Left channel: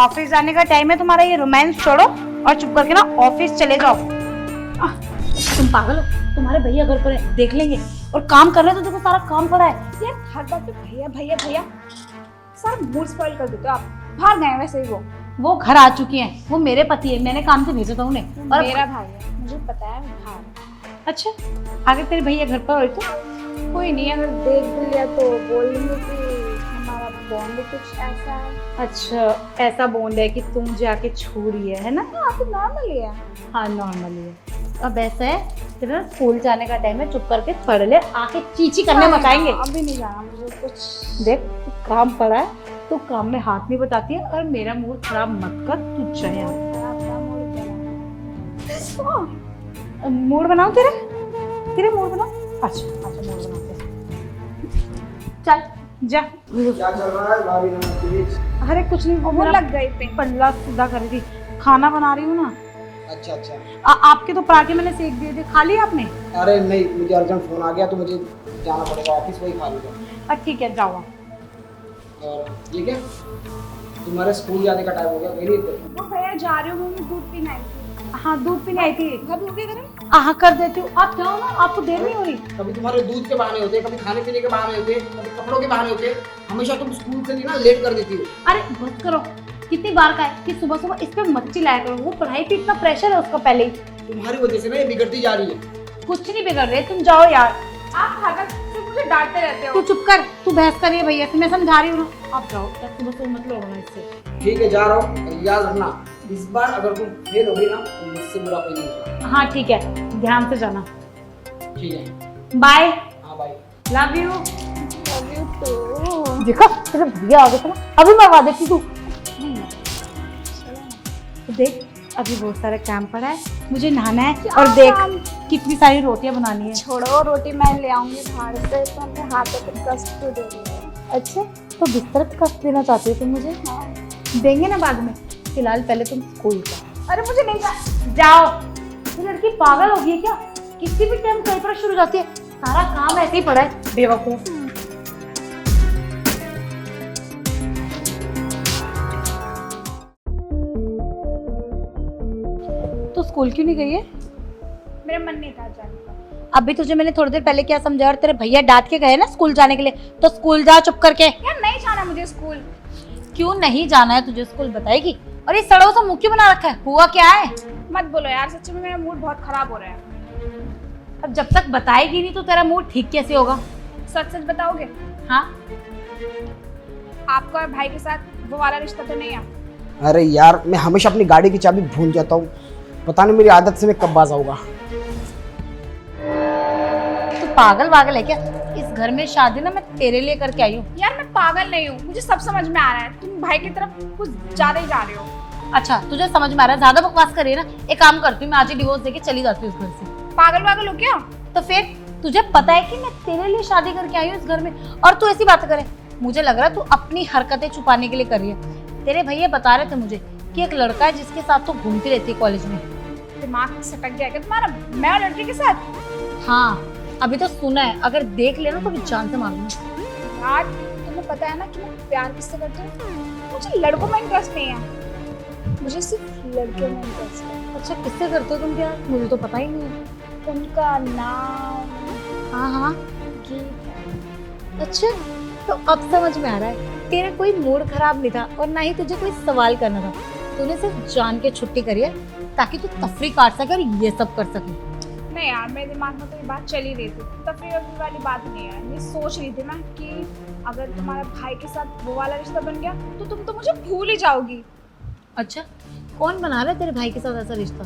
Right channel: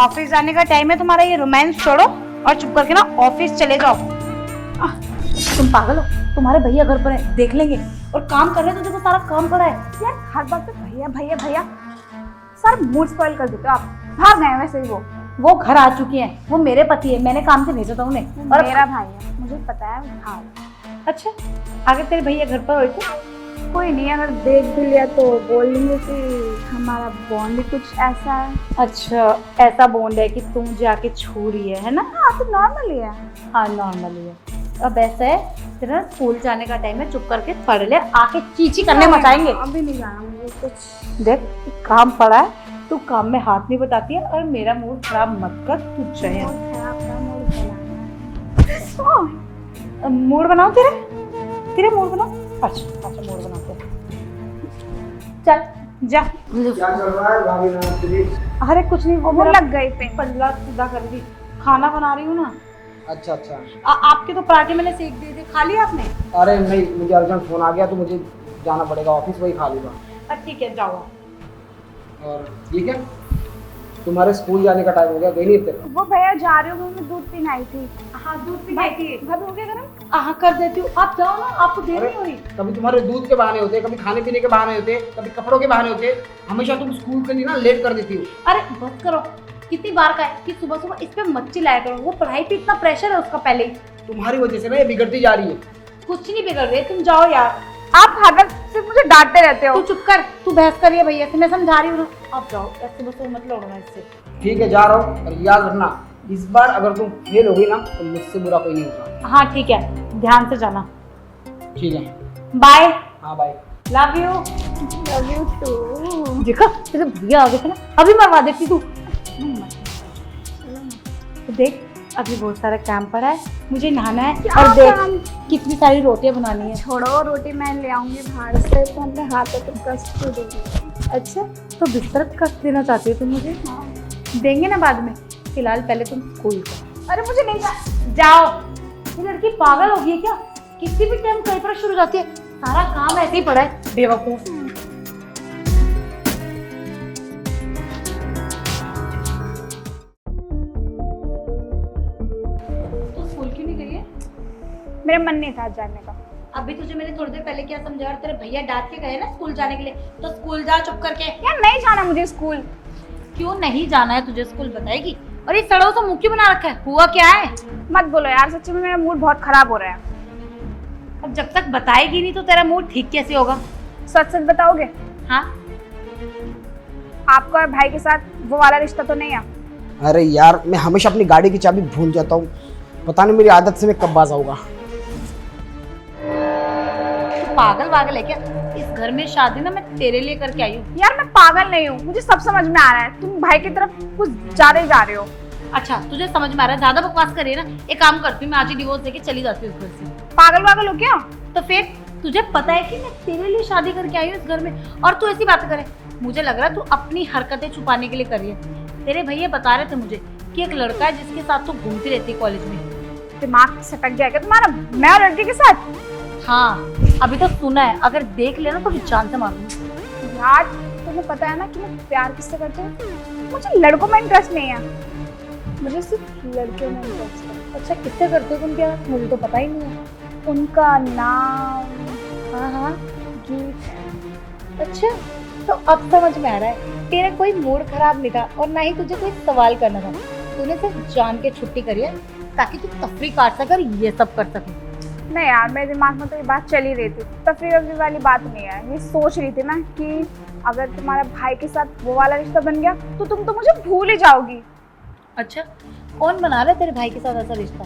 Office जाने का time है तुम्हारा, ये रोमांस छोड़ो और चुप करके ना ऑफिस चले जाओ। तुम पागल हो? तुम्हारे भैया घर पर है, देख लेंगे। और काम कर रहे तो देखो सारा काम पड़ा है। यार हर बात पे भैया भैया भैया, सर मूड स्पॉइल कर देते हो आप। भाग गए वैसे ही वो घर आ चुकी हैं, वो मेरे पति है, मैंने काम से भेजा था उन्हें। और मेरा भाई है, मुझे पता है। भाग। अच्छा, अगर तेरे भैया घर पर हो तो कोई नहीं, अगर देख भी लिया तो बोलेंगे कि हमारा बॉन्ड भी कुछ ऐसा है। अच्छा, ऐसा बॉन्ड है कि तुम जाके छू रही है ना? हाँ तो नॉर्मल ही है। हाँ नॉर्मली है। अब ऐसा है तेरा स्कूल जाने का टाइम है, चुप करके पढ़ ले, आके चीची करने मचाएंगे। अभी नहीं जाना मुझे कुछ। देख काम पड़ा है, तू काम में हाथ नहीं बटाती है और मेरा मूड खराब मत कर। तू जाए मूड बनाओ, तेरे मूड बनाओ। अच्छा मूड बनाओ, चल जा। क्या चल रहा है भाभी नाम प्लीज? अरे कुछ नहीं, वो मेरा लग गई थे। पल्ला सीधा कर दी। खाना बना रही हूँ ना। अच्छा अच्छा। आपके तो पराठे मैंने सेक दिए थे, खा लिया आपने? अरे नहीं, मुझे अर्जेंट फोन आ गया तो मुझे जाना पड़ेगा ऑफिस, वही खा लूँगा। ठीक है जाओ। और ठीक है, तुम्हारे स्कूल जाने का टाइम हो गया, गई नहीं थे? वो भैया जा रहे हो, मैं दूध पीने आई थी। हाँ दूध पीने आई थी। घर पे क्या करें? हाँ कर देती हूँ, आप जाओ ना, आपको देर नहीं हो रही। कभी तुम्हारे दूध के बहाने होते, कभी खाने पीने के बहाने होते, कभी कपड़ों के बहाने होते, हमेशा तुम स्कूल के लिए ना लेट कर देती हो। अरे बस करो, कितनी बार का है कि सुबह सुबह इस पे मत चिल्लाया करो। वो पढ़ाई पे इतना प्रेशर है उसका पहले ही। तुम्हारी वजह से ना ये बिगड़ती जा रही है। कुछ नहीं बिगड़ रहे, तुम जाओ यार। आप हर वक्त सिर्फ मुझे डांटते रहते तू हो। चुप कर, तू बहस करिए भैया से, मैं समझा रही हूँ। आप जाओ, सुबह सुबह मत लड़ो इससे। ठीक है जा रहा हूँ, और याद रखना इस बार अगर तुम फेल हो गई ना तो मुझसे बुरा कोई नहीं होगा। हाँ ठीक है, ध्यान से जाना। ठीक है, बाय। हाँ bye. Love you. Love you too. देखा तेरे भैया आ गए थे ना, अभी मरवा देती तू। तो देख अभी बहुत सारा काम पड़ा है, मुझे नहाना है। और देख कितनी सारी रोटियां बनानी है। छोड़ो, रोटी मैं ले आऊंगी बाहर से, तो अपने हाथों पे कष्ट को दे दूंगी। अच्छा तो बिस्तर पे कष्ट देना चाहती हो तुम मुझे? देंगे ना बाद में, फिलहाल पहले तुम स्कूल का। अरे मुझे नहीं जाओ। ये लड़की पागल हो गई है क्या? किसी भी टाइम कहीं पर शुरू हो जाती है, सारा काम ऐसे ही पड़ा है, बेवकूफ। तो स्कूल क्यों नहीं गई है? मेरा मन नहीं था जाने का। अभी तुझे मैंने थोड़ी देर पहले क्या समझाया, और तेरे भैया डांट के गए ना स्कूल जाने के लिए, तो स्कूल जा चुप करके। यार नहीं जाना मुझे स्कूल। क्यों नहीं जाना है तुझे स्कूल, बताएगी? और ये सड़ों से मुंह क्यों बना रखा है, हुआ क्या है? मत बोलो यार, सच्ची में मेरा मूड बहुत खराब हो रहा है। अब जब तक बताएगी नहीं तो तेरा मूड ठीक कैसे होगा? सच सच बताओगे? हाँ आपका और भाई के साथ वो वाला रिश्ता तो नहीं है? अरे यार मैं हमेशा अपनी गाड़ी की चाबी भूल जाता हूँ, पता नहीं मेरी आदत से मैं कब बाज आऊंगा। तो पागल है क्या? इस घर में शादी ना मैं तेरे लिए करके आई हूँ। यार मैं पागल नहीं हूँ, मुझे सब समझ में आ रहा है। तुम भाई की तरफ कुछ ज्यादा ही जा रहे हो। अच्छा तुझे समझ में आ रहा है, ज्यादा बकवास करिए ना। एक काम करती हूँ, मैं आज ही डिवोर्स देके चली जाती हूँ इस घर से। पागल हो क्या? तो फिर तुझे पता है कि मैं तेरे लिए शादी करके आई हूँ इस घर में, और तू ऐसी बात करे? मुझे लग रहा है तू अपनी हरकतें छुपाने के लिए कर रही है। तेरे भैया बता रहे थे मुझे कि एक लड़का है जिसके साथ तू घूमती रहती है कॉलेज में। दिमाग सटक गया क्या तुम्हारा? मैं और लड़के के साथ? हाँ अभी तो सुना है, अगर देख लेना तो जान से मारूंगी। यार तुम्हें पता है ना कि मैं प्यार किससे करती हूँ? मुझे लड़कों में इंटरेस्ट नहीं है, मुझे सिर्फ लड़के में इंटरेस्ट है। अच्छा किससे करते हो तुम प्यार? मुझे तो पता ही नहीं है। उनका नाम? हाँ गीत। अच्छा तो अब समझ में आ रहा है, तेरा कोई मूड खराब नहीं था और ना ही तुझे कोई सवाल करना था। तूने सिर्फ जान के छुट्टी करी है ताकि तू तफरी काट सके और ये सब कर सके। नहीं यार, मेरे दिमाग में तो ये बात चल ही रही थी, तफरी वफरी वाली बात नहीं है। ये सोच रही थी मैं कि अगर तुम्हारा भाई के साथ वो वाला रिश्ता बन गया तो तुम तो मुझे भूल ही जाओगी। अच्छा कौन बना रहा है तेरे भाई के साथ ऐसा रिश्ता?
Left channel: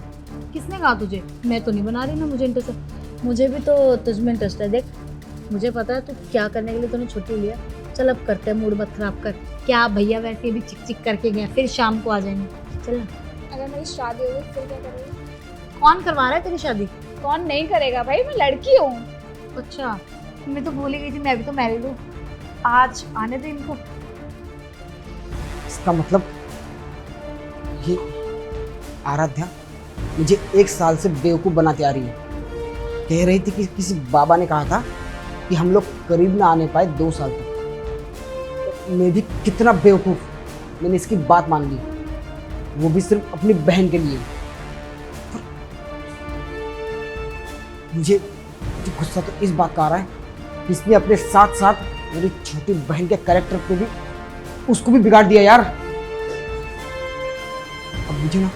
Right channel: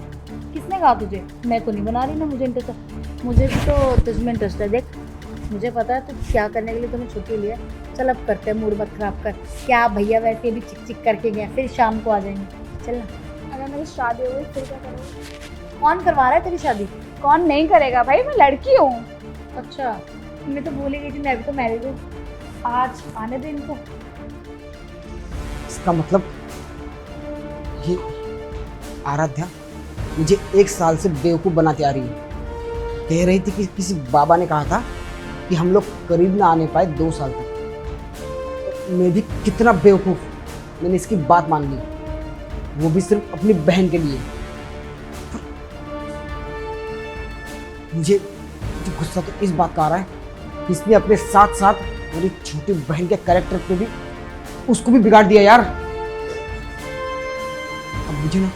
किसने कहा तुझे? मैं तो नहीं बना रही ना, मुझे इंटरेस्ट है। मुझे भी तो तुझमें इंटरेस्ट है। देख मुझे पता है तू क्या करने के लिए तूने छुट्टी लिया। चल अब करते हैं, मूड मत खराब कर। क्या भैया वैसे भी चिक चिक करके गए, फिर शाम को आ जाएंगे। चल अगर मेरी शादी हो गई फिर क्या करोगे? कौन करवा रहा है तेरी शादी? कौन नहीं करेगा भाई, मैं लड़की हूँ। अच्छा मैं तो भूल ही गई थी, मैं भी तो मैरिड हूँ। आज आने दे इनको। इसका मतलब ये आराध्या मुझे 1 साल से बेवकूफ़ बनाती आ रही है। कह रही थी कि किसी बाबा ने कहा था कि हम लोग करीब ना आने पाए 2 साल तक। तो मैं भी कितना बेवकूफ़, मैंने इसकी बात मान ली। वो भी सिर्फ अपनी बहन के लिए। पर मुझे गुस्सा तो इस बात का आ रहा है कि इसने अपने साथ साथ मेरी छोटी बहन के कैरेक्टर पे भी उसको भी बिगाड़ दिया यार। अब मुझे ना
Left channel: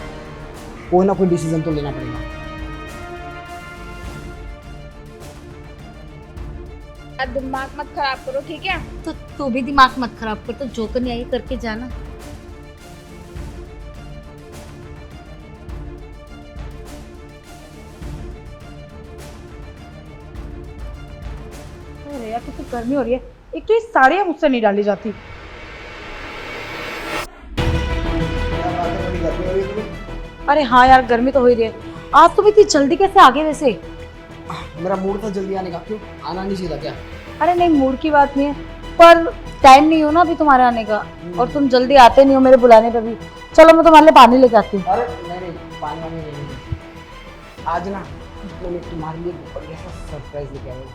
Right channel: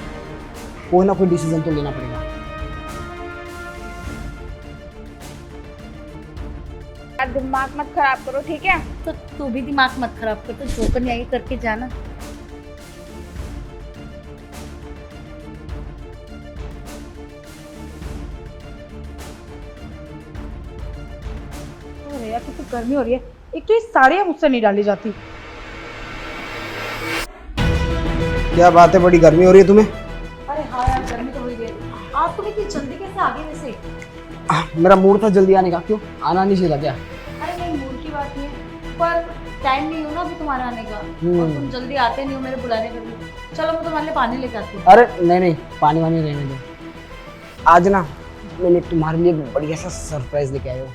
कोई डिसीजन तो लेना पड़ेगा। दिमाग मत खराब करो, ठीक है? तो तू भी दिमाग मत खराब कर, तो जो करने आई करके जाना। अरे यार कितनी गर्मी हो रही है, एक तो ये साड़ियाँ मुझसे नहीं डाली जाती। क्या बात है, बड़ी गर्मी हो रही है तुम्हें? अरे हाँ यार गर्मी तो हो ही रही है। आज तुम इतनी जल्दी कैसे आ गए वैसे? मेरा मूड था जल्दी आने का। क्यों आना नहीं चाहिए था क्या? अरे नहीं मूड की बात नहीं है, पर टाइम नहीं हो ना अभी तुम्हारे आने का, और तुम जल्दी आते नहीं हो मेरे बुलाने पे भी। चलो मैं तुम्हारे लिए पानी लेके आती हूँ। अरे नहीं, पानी वानी रहने दो। आज ना मैंने तुम्हारे लिए बढ़िया सा सरप्राइज लेके आया हूँ।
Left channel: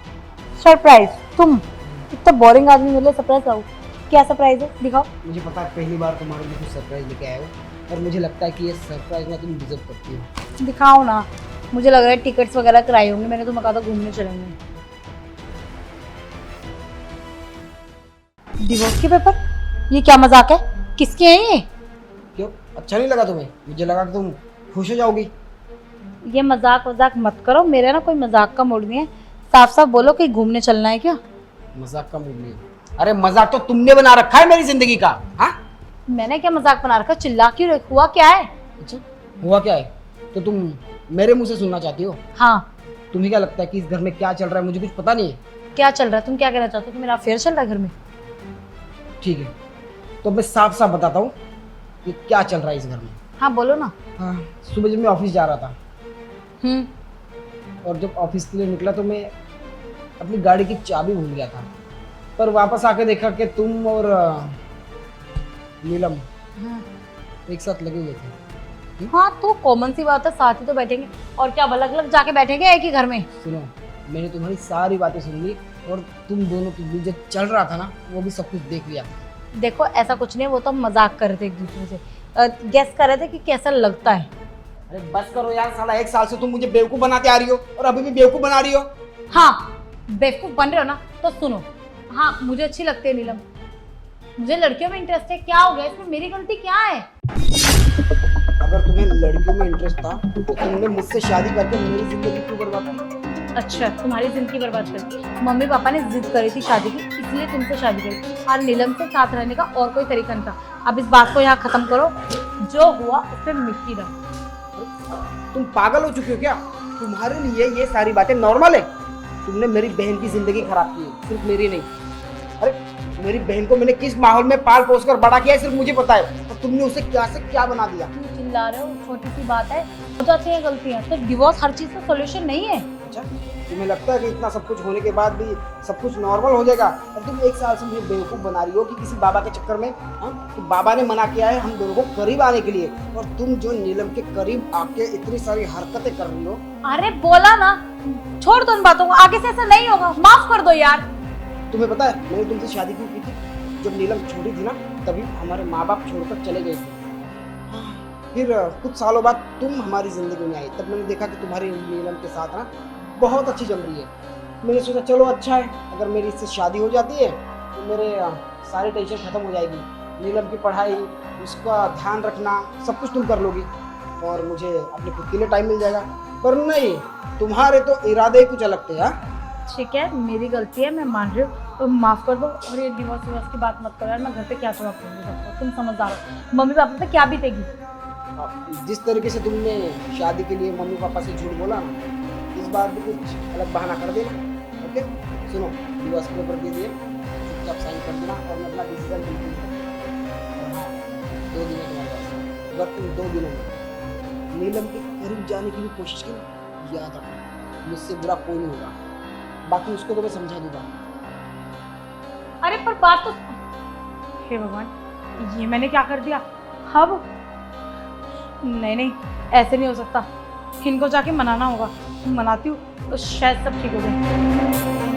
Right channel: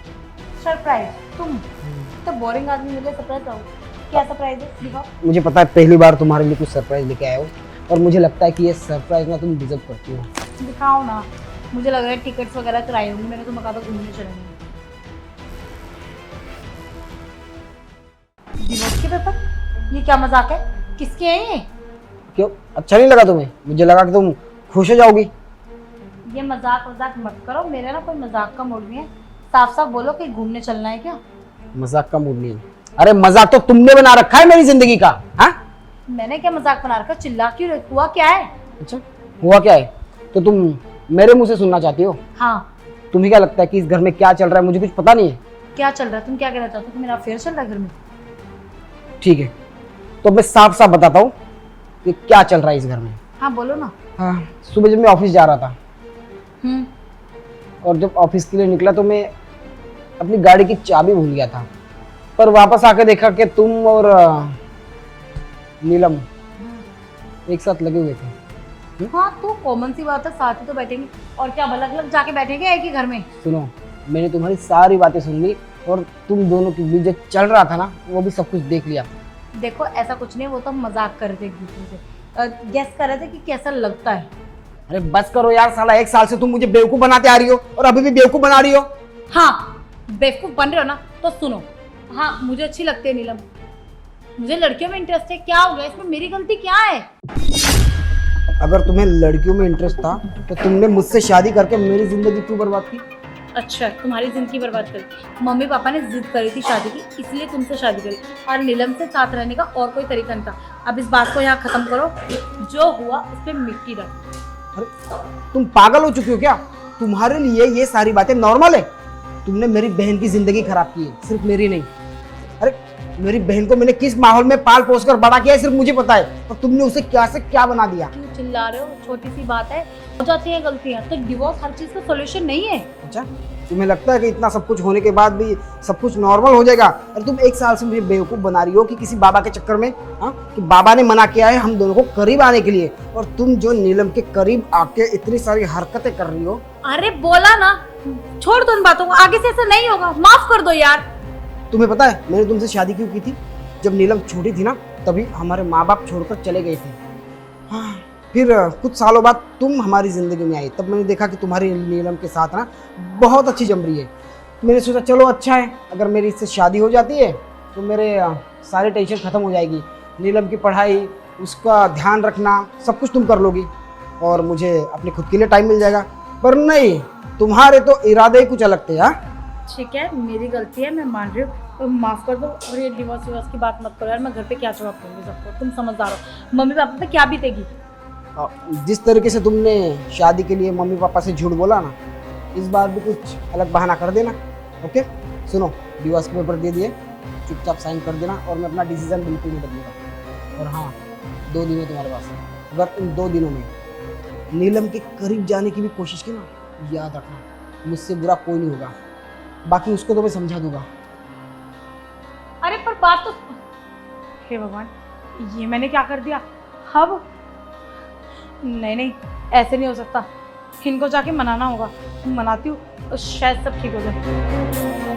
सरप्राइज? तुम इतना बोरिंग आदमी मेरे लिए सरप्राइज लाओ? क्या सरप्राइज है, दिखाओ। मुझे पता है पहली बार तुम्हारे लिए कुछ सरप्राइज लेके आया हूँ, और मुझे लगता है कि ये सरप्राइज ना तुम डिजर्व करती हो। दिखाओ ना। मुझे लग रहा है टिकट्स वगैरह कराई होंगी, मैंने तुम्हें कहा था घूमने चलेंगे। डिवोर्स के पेपर? ये क्या मजाक है? किसके हैं ये? क्यों अच्छा नहीं लगा तुम्हें? मुझे लगा कि तुम खुश हो जाओगी। ये मजाक वजाक मत करो, मेरा ना कोई मजाक का मूड नहीं है। साफ साफ बोलो कि घूमने चलना है क्या? मजाक का मूड नहीं। अरे मजाक तो तुमने बना रखा है मेरी जिंदगी का। हाँ मैंने क्या मजाक बना रखा? चिल्ला क्यों रही? हुआ क्या है? अच्छा हुआ क्या है तो तुम मेरे मुंह से सुनना चाहती हो? हाँ। तुम्हें क्या लगता है कि इस घर में क्या चल रहा है? मुझे कुछ पता नहीं है। क्या चल रहा है? तुम क्या कहना चाहते हो कि मेरा अफेयर चल रहा है घर में? ठीक है तो मैं साफ साफ बताता हूँ कि क्या चल रहा है इस घर में। हाँ बोलो ना। हाँ, सुबह जब मैं ऑफिस जा रहा था, और जब ऑफिस के लिए निकला तो मैं अपनी गाड़ी की चाबी भूल गया था, पर वापस आकर देखा कि तुम और नीलम एक साथ लगे हुए थे। हाँ तो कॉमन सी बात है, साथ ही तो बैठेंगे, और क्या अलग अलग जाके बैठेंगे एक ही घर में? सुनो, मैंने तुम्हारी सारी बातें सुन ली, और तुम दोनों के बीच जो चल रहा था ना वो भी सब कुछ देख लिया। देखो ऐसा कुछ नहीं, वो तो मजाक कर रहे थे एक दूसरे से, गेस कर रहे थे कि कैसा लगता है। अरे बस करो यार, साला 1 साल से तुम मुझे बेवकूफ बनाते आ रही हो और अभी भी बेवकूफ बना रही हो। हाँ बेवकूफ बन रहे हो ना, तो सुनो। हाँ मुझे अच्छी लगती है नीलम, मुझे लड़कियों में इंटरेस्ट है। क्या हो गया इसमें, मेरी गलती क्या है? अगर तुम्हें लड़कियों में इंटरेस्ट था तो तुमने मुझसे शादी करके मेरी जिंदगी क्यों बर्बाद की? अच्छा तुम्हारी जिंदगी बर्बाद करती? मम्मी पापा ने जिद करी थी शादी की, इसलिए तुमसे शादी करी, और नीलम से साथ रहने का और कोई तरीका नहीं था। अब इस बात को यहाँ खत्म करो, जो हुआ उस पर मिट्टी रख। तुम पागल हो चुकी हो क्या? तुम्हारे लिए ये सारी बातें नॉर्मल है? तुमने मेरी बहन की जिंदगी खराब की है, सिर्फ मेरी नहीं। अरे मेरी बहन को मैंने किस माहौल में पाल पोस कर बड़ा किया है सिर्फ मुझे पता है, और तुमने उसे क्या से क्या बना दिया। क्यों चिल्ला रहे हो? छोटी सी बात है, हो जाती है गलतियां, तो डिवोर्स हर चीज का सोल्यूशन नहीं है। अच्छा तुम्हें लगता है कि इतना सब कुछ होने के बाद भी सब कुछ नॉर्मल हो जाएगा? अरे तुम 1 साल से मुझे बेवकूफ बना रही हो कि किसी बाबा के चक्कर में, हाँ कि बाबा ने मना किया है हम दोनों को करीब आने के लिए, और तुम जो नीलम के करीब आके इतनी सारी हरकतें कर रही हो। अरे बोला ना, छोड़ दो उन बातों को, आगे से ऐसा नहीं होगा, माफ कर दो यार। तुम्हें पता है मैंने तुमसे शादी क्यों की थी? जब नीलम छोटी थी ना तभी हमारे माँ बाप छोड़कर चले गए थे। हाँ, फिर कुछ सालों बाद तुम हमारी ज़िंदगी में आई, तब मैंने देखा कि तुम्हारी नीलम के साथ ना बहुत अच्छी जम रही है। मैंने सोचा चलो अच्छा है, अगर मेरी इससे शादी हो जाती है तो मेरे सारे टेंशन ख़त्म हो जाएगी। नीलम की पढ़ाई, उसका ध्यान रखना, सब कुछ तुम कर लोगी, और मुझे अपने खुद के लिए टाइम मिल जाएगा। पर नहीं, तुम्हारे तो इरादे ही कुछ अलग थे। हाँ ठीक है मेरी गलती है, मैं मान रही हूँ, तो माफ कर दो, और ये डिवोर्स विवोर्स की बात मत करो यार। मैं घर पे क्या जवाब दूंगी सबको? तुम समझदार हो, मम्मी पापा पे क्या बीतेगी? जिस तरीके से तुमने शादी के लिए मम्मी पापा से झूठ बोला ना, इस बार भी कुछ अलग बहाना कर देना। ओके सुनो, डिवोर्स के पेपर दे दिए, चुपचाप साइन कर देना, और मैं अपना डिसीजन बिल्कुल नहीं बदलूंगा। और हाँ 2 दिन है तुम्हारे पास, अगर तुम 2 दिनों में नीलम के करीब जाने की भी कोशिश की ना, याद रखना मुझसे बुरा कोई नहीं होगा, बाकी उसको तो मैं समझा दूंगा। अरे पर बात तो, हे भगवान ये मैंने क्या कर दिया अब? नहीं ऐसे नहीं हो सकता, इनको जाके मनाना होगा। मनाती हूँ तो शायद सब ठीक हो जाए।